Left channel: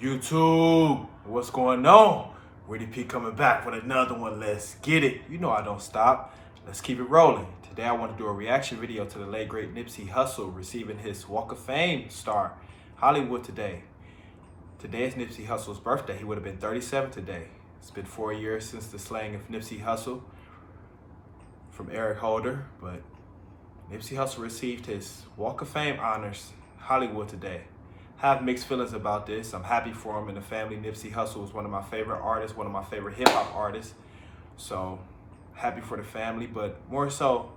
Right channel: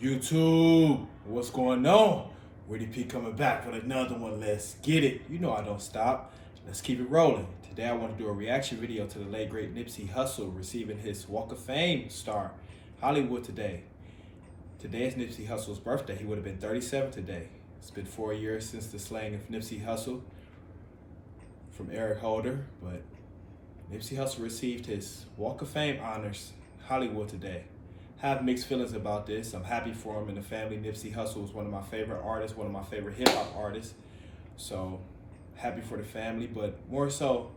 YouTube, what's going on? Woody P coming back with another one. Let's get it. You know I don't stop. Let's keep it rolling. Today I want to do a reaction video to the late great Nipsey Hussle receiving his Walk of Fame star, Hollywood today. Today is Nipsey Hussle's birthday. He would have been 37 today. It's been 4 years since the slaying of Nipsey Hussle from Eric Holder, but Nipsey Hussle received his Walk of Fame honors, Hollywood today. I have mixed feelings about this. I'm happy for him and the family. Nipsey Hussle is one of my favorite artists, one of my favorite hip hop artists. So happy for the family, but more so,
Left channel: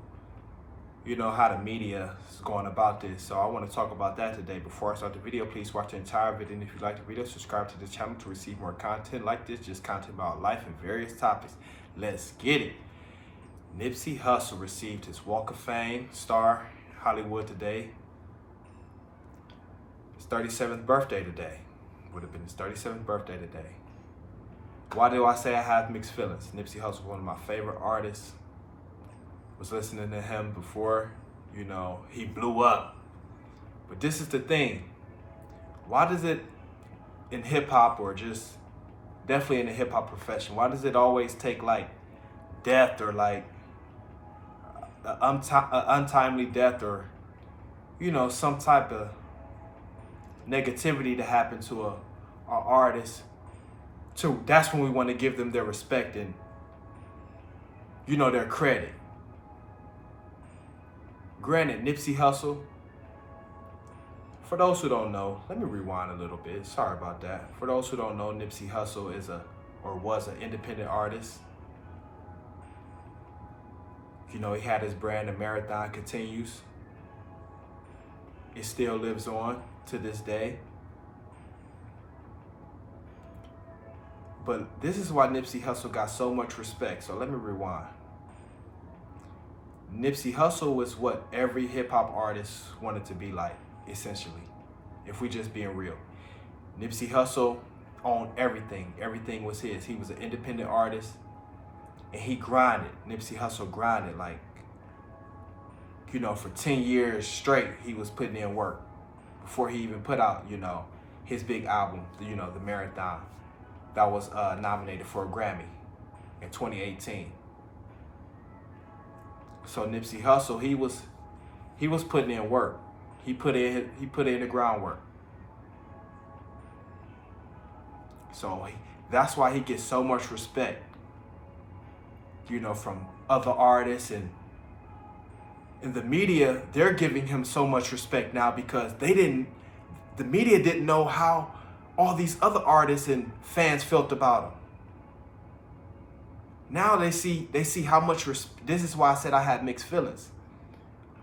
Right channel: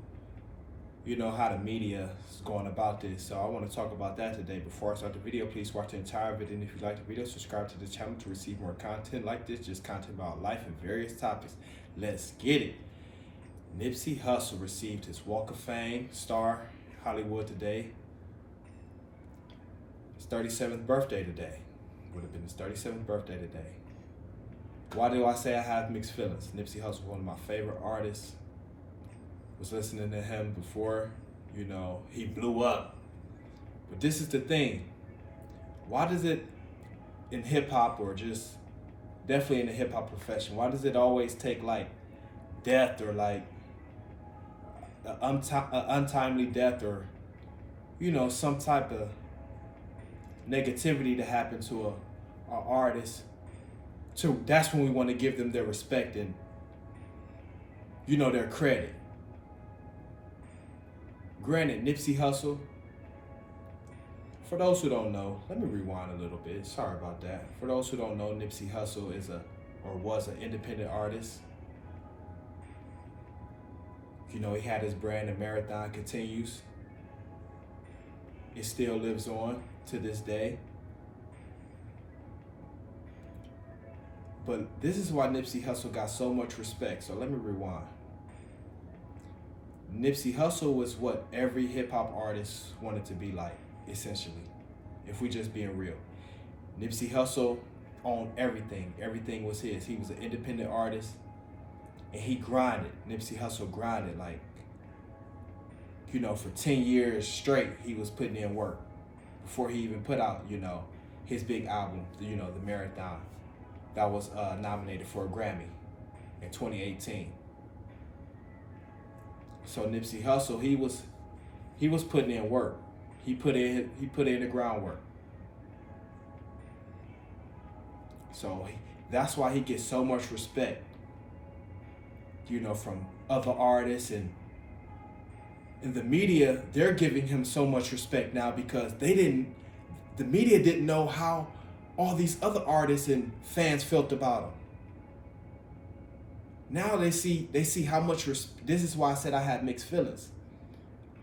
you know how the media is going about this. So I want to talk about that today. Before I start the video, please watch the entire video. And if you like the video, subscribe to the channel to receive more content like this, just content about life and various topics. Let's get it. Nipsey Hussle received his Walk of Fame star, Hollywood today. His 37th birthday today. Would have been his 37th birthday today. Why do I say I have mixed feelings? Nipsey Hussle, one of my favorite artists. Was listening to him before, you know, he blew up. But this is the thing. Why does it, in hip hop or just definitely in the hip hop profession, why does it always take like death or like an untimely death or, you know, some type of negativity to happen to a artist? That's when we want to give them their respect and, you know, their credit. Granted, Nipsey Hussle, for those who don't know, let me rewind a little bit. Sorry about that. For those who don't know, Nipsey Hussle is was an independent artist. You know, he had his brand, The Marathon Continues. It still lives on to this day. But this is why Nipsey Hussle got so much respect. So let me rewind. Nipsey Hussle was what every hip hop artist wanted to be like, essentially, if we just being real. Nipsey Hussle owned everything. Everything was his. He was an independent artist and he grinded. Nipsey Hussle grinded like, you know, for 10 years straight, he was putting in work before he even put out, you know, his big album, you know, The Marathon, that was nominated for a Grammy in 2018. So Nipsey Hussle, he was putting in work. He put in the groundwork. So that's why he gets so much respect, you know, from other artists and the media. They're giving him so much respect now because the media didn't know how all these other artists and fans felt about him. Now they see how much this is why I said I had mixed feelings.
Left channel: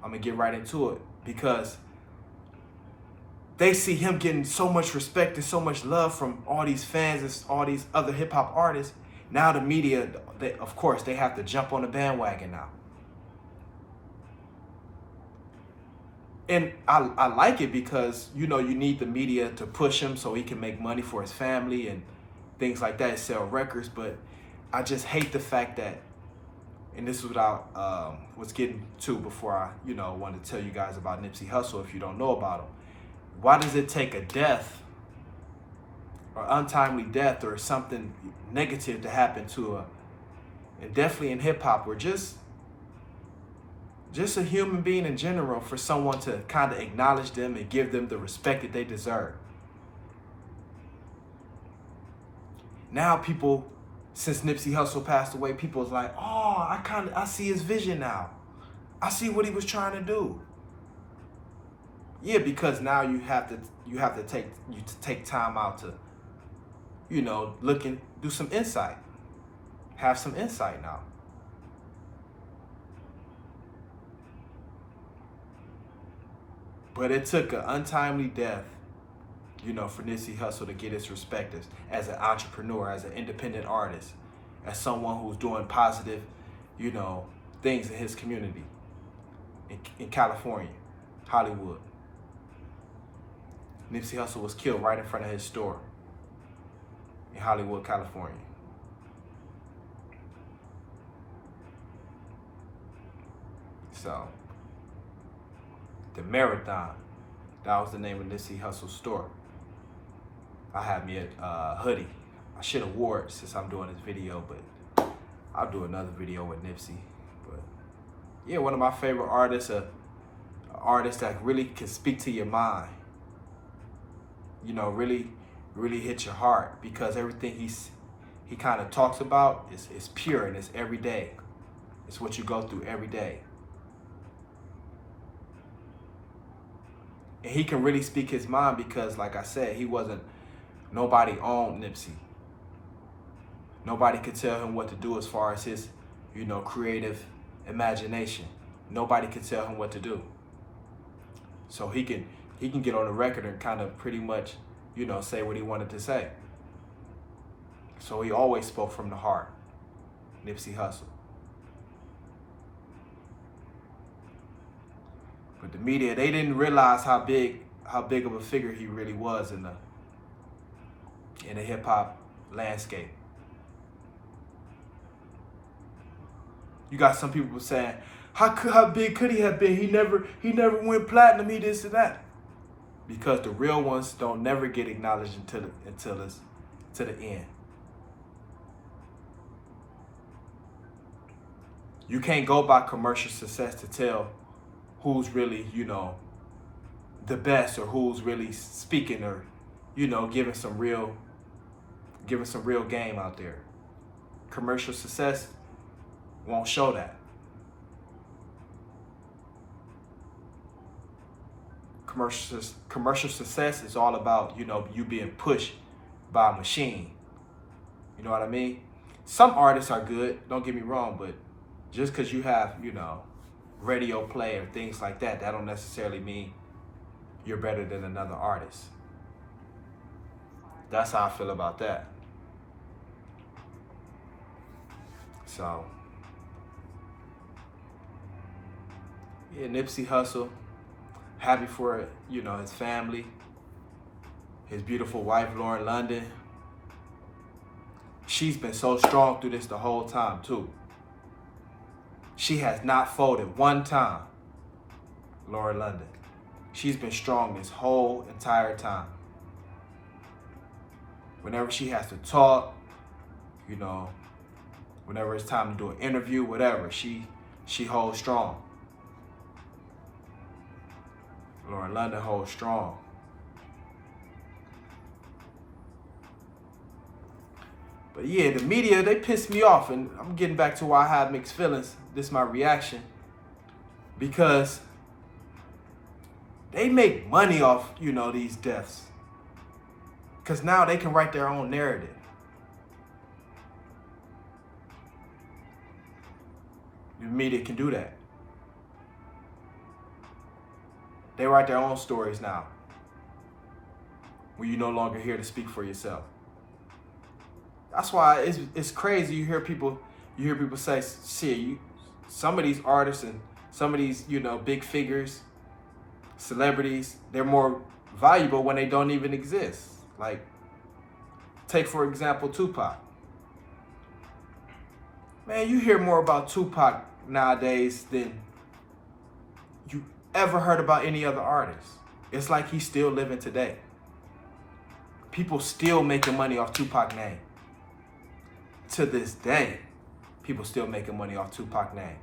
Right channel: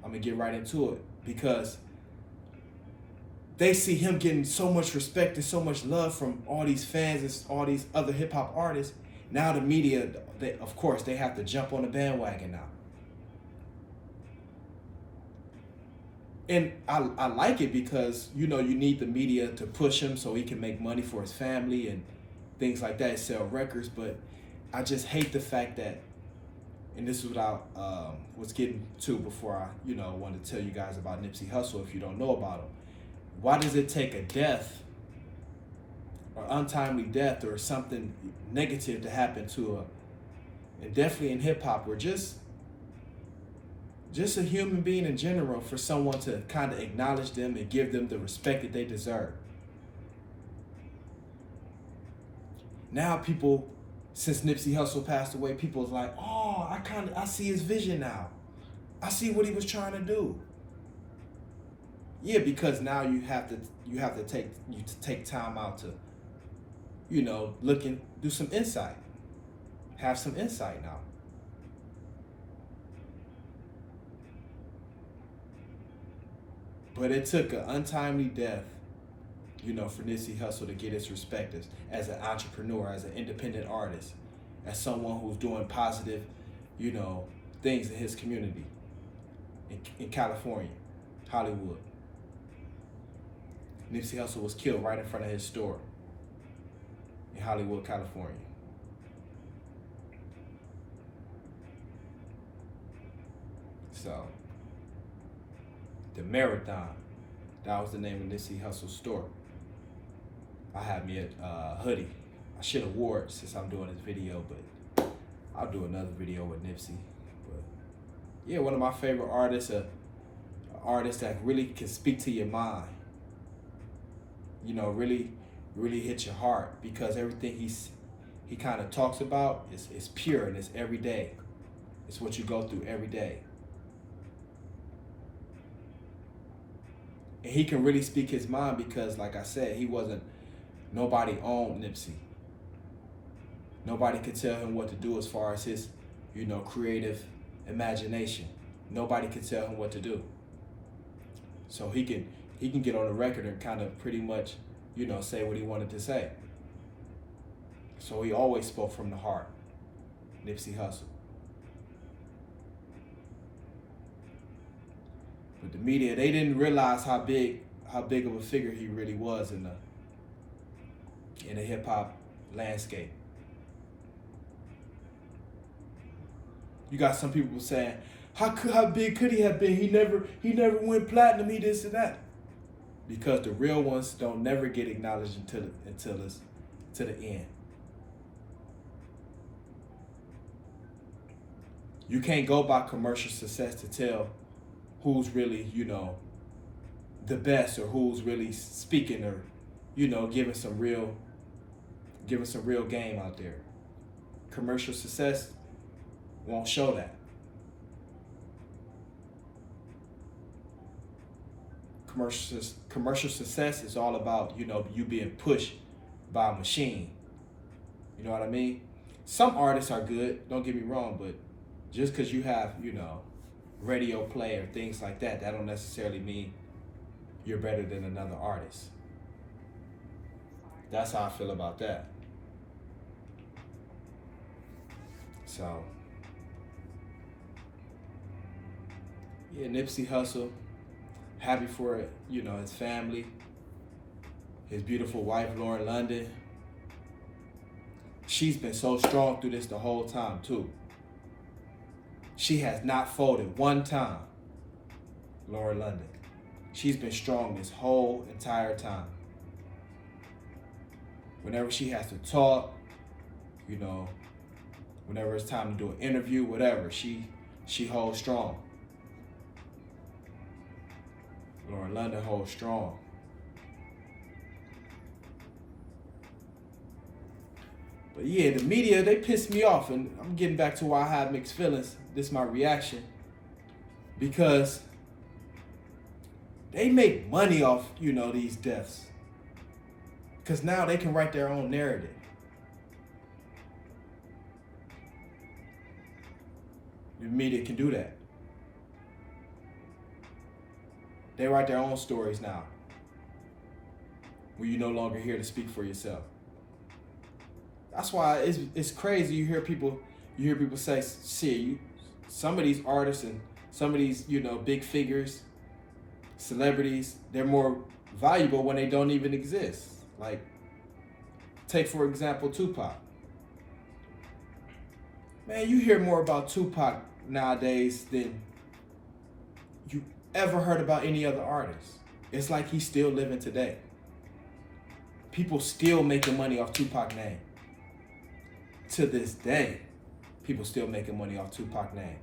I'm gonna get right into it because they see him getting so much respect and so much love from all these fans and all these other hip hop artists. Now the media, of course, they have to jump on the bandwagon now. And I like it because, you know, you need the media to push him so he can make money for his family and things like that, sell records. But I just hate the fact that, and this is what I was getting to before I, you know, wanted to tell you guys about Nipsey Hussle if you don't know about him. Why does it take a death or untimely death or something negative to happen to and definitely in hip hop or just a human being in general, for someone to kind of acknowledge them and give them the respect that they deserve? Now people, since Nipsey Hussle passed away, people's like, oh, I see his vision now. I see what he was trying to do. Yeah, because now you have to take time out to, you know, look and do some insight. Have some insight now. But it took an untimely death, you know, for Nipsey Hussle to get his respect as an entrepreneur, as an independent artist, as someone who's doing positive, you know, things in his community in California, Hollywood. Nipsey Hussle was killed right in front of his store in Hollywood, California. So, The Marathon, that was the name of Nipsey Hussle's store. I have me a hoodie. I should have wore it since I'm doing this video, but I'll do another video with Nipsey. But yeah, one of my favorite artists, an artist that really can speak to your mind. You know, really hit your heart, because everything he kind of talks about is pure and it's everyday. It's what you go through every day. And he can really speak his mind because, like I said, nobody owned Nipsey. Nobody could tell him what to do as far as his, creative imagination. Nobody could tell him what to do. So he can get on the record and kind of pretty much, say what he wanted to say. So he always spoke from the heart. Nipsey Hussle. But the media, they didn't realize how big of a figure he really was in the hip hop landscape. You got some people saying, how big could he have been? He never went platinum. He this and that. Because the real ones don't never get acknowledged until it's to the end. You can't go by commercial success to tell who's really, the best, or who's really speaking, or, giving some real game out there. Commercial success won't show that. Commercial success is all about, you being pushed by a machine. You know what I mean? Some artists are good, don't get me wrong, but just because you have, radio play or things like that, that don't necessarily mean you're better than another artist. That's how I feel about that. So, yeah, Nipsey Hussle, happy for, his family, his beautiful wife, Lauren London. She's been so strong through this the whole time, too. She has not folded one time, Lauren London. She's been strong this whole entire time. Whenever she has to talk, whenever it's time to do an interview, whatever, she holds strong. Lauren London holds strong. But yeah, the media, they piss me off, and I'm getting back to why I have mixed feelings. This is my reaction. Because they make money off, these deaths. Because now they can write their own narrative. The media can do that. They write their own stories now, when you're no longer here to speak for yourself. That's why it's crazy. You hear people say, "Shit, some of these artists and some of these big figures, celebrities, they're more valuable when they don't even exist." Like, take for example Tupac. Man, you hear more about Tupac nowadays than you ever heard about any other artist. It's like he's still living today. People still making money off Tupac's name. To this day, people still making money off Tupac's name.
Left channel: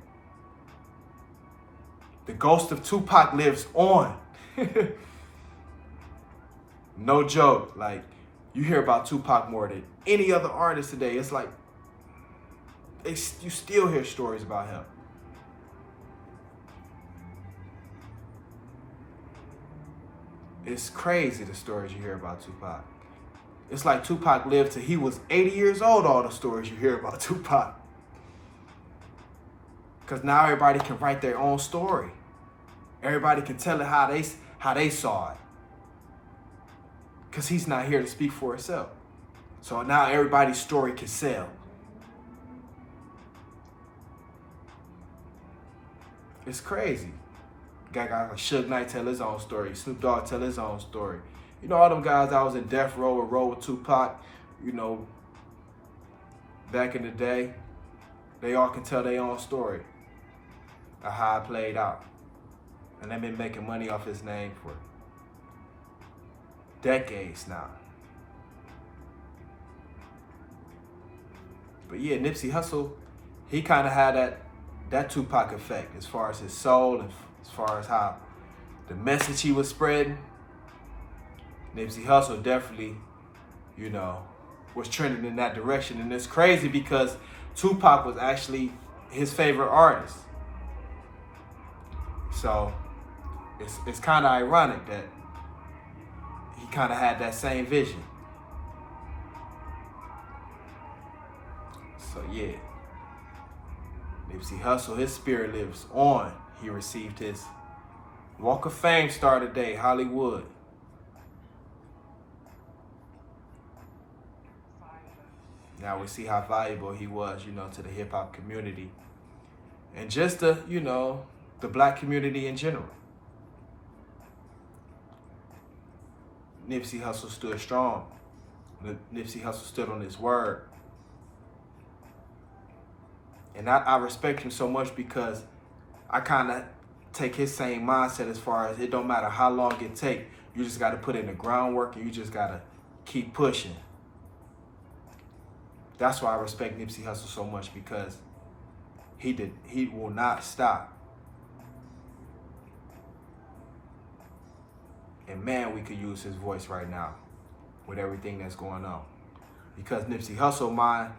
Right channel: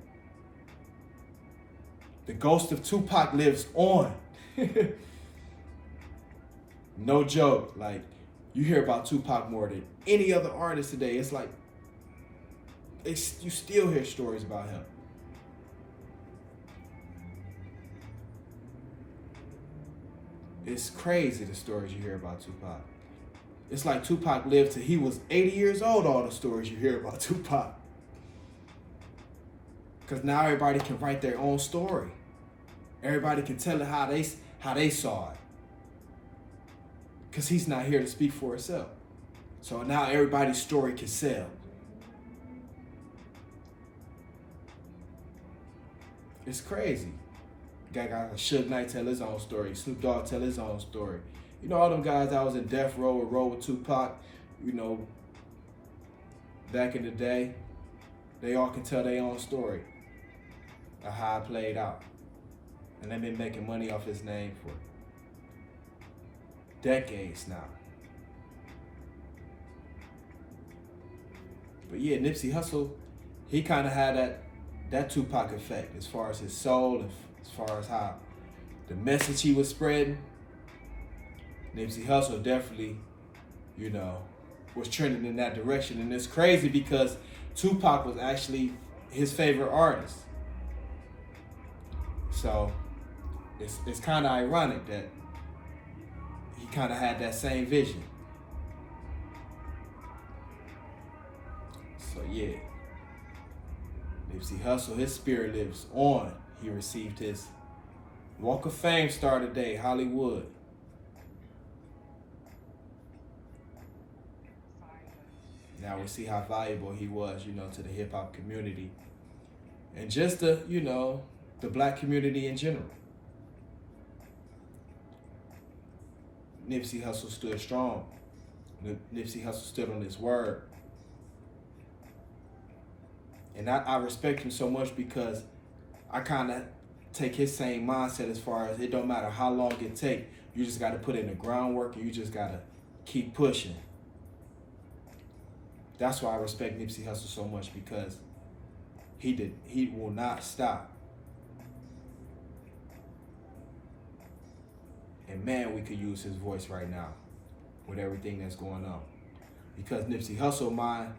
The ghost of Tupac lives on. No joke. Like, you hear about Tupac more than any other artist today. It's like, you still hear stories about him. It's crazy, the stories you hear about Tupac. It's like Tupac lived till he was 80 years old, all the stories you hear about Tupac. Because now everybody can write their own story. Everybody can tell it how they saw it. Because he's not here to speak for himself. So now everybody's story can sell. It's crazy. Got guys like Suge Knight tell his own story. Snoop Dogg tell his own story. All them guys that was in Death Row or Roll with Tupac, back in the day, they all can tell their own story of how it played out. And they've been making money off his name for decades now. But yeah, Nipsey Hussle, he kind of had that Tupac effect as far as his soul and as far as how the message he was spreading. Nipsey Hussle definitely, you know, was trending in that direction. And it's crazy because Tupac was actually his favorite artist. So it's kind of ironic that he kind of had that same vision. So yeah, Nipsey Hussle, his spirit lives on. He received his Walk of Fame star today, Hollywood. Now we see how valuable he was, you know, to the hip hop community and just the, you know, the black community in general. Nipsey Hussle stood strong. Nipsey Hussle stood on his word. And I respect him so much because I kind of take his same mindset as far as it don't matter how long it take. You just got to put in the groundwork and you just got to keep pushing. That's why I respect Nipsey Hussle so much, because he will not stop. And man, we could use his voice right now with everything that's going on. Because Nipsey Hussle,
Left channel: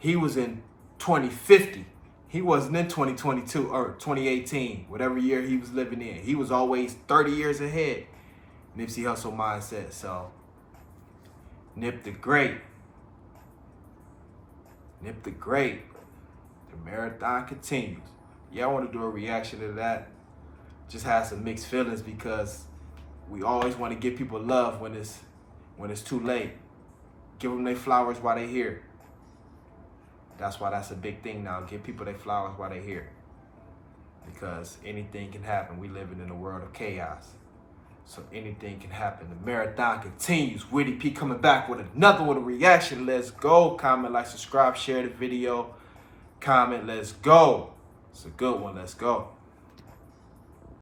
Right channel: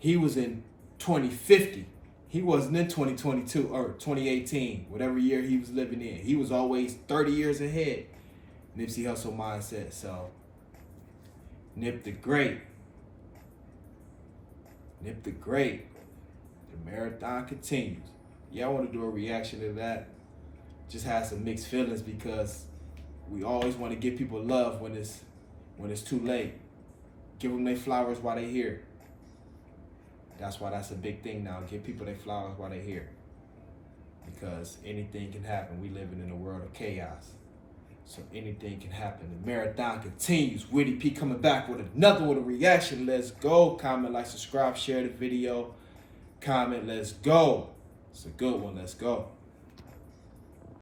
he was in 2050. He wasn't in 2022 or 2018, whatever year he was living in. He was always 30 years ahead. Nipsey Hussle mindset. So, Nip the Great. Nip the Great. The marathon continues. Yeah, I want to do a reaction to that. Just have some mixed feelings because we always want to give people love when it's too late. Give them their flowers while they're here. That's why that's a big thing now. Give people their flowers while they're here. Because anything can happen. We living in a world of chaos. So anything can happen. The marathon continues. Witty P coming back with another one, a reaction. Let's go. Comment, like, subscribe, share the video. Comment, let's go. It's a good one. Let's go.